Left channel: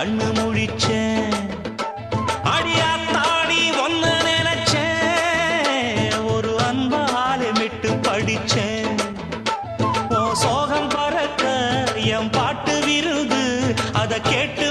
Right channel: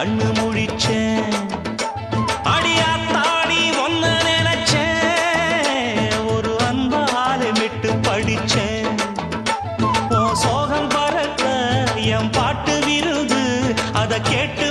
கண்ணு முழிச்சேன். அடியாத்தாடி ஒன்ன நினைச்சேன், ஒரு அன்பாலே விட்டு படிச்சேன். சோகம் பறக்க என் பாட்டு விருது, அதை கேட்டு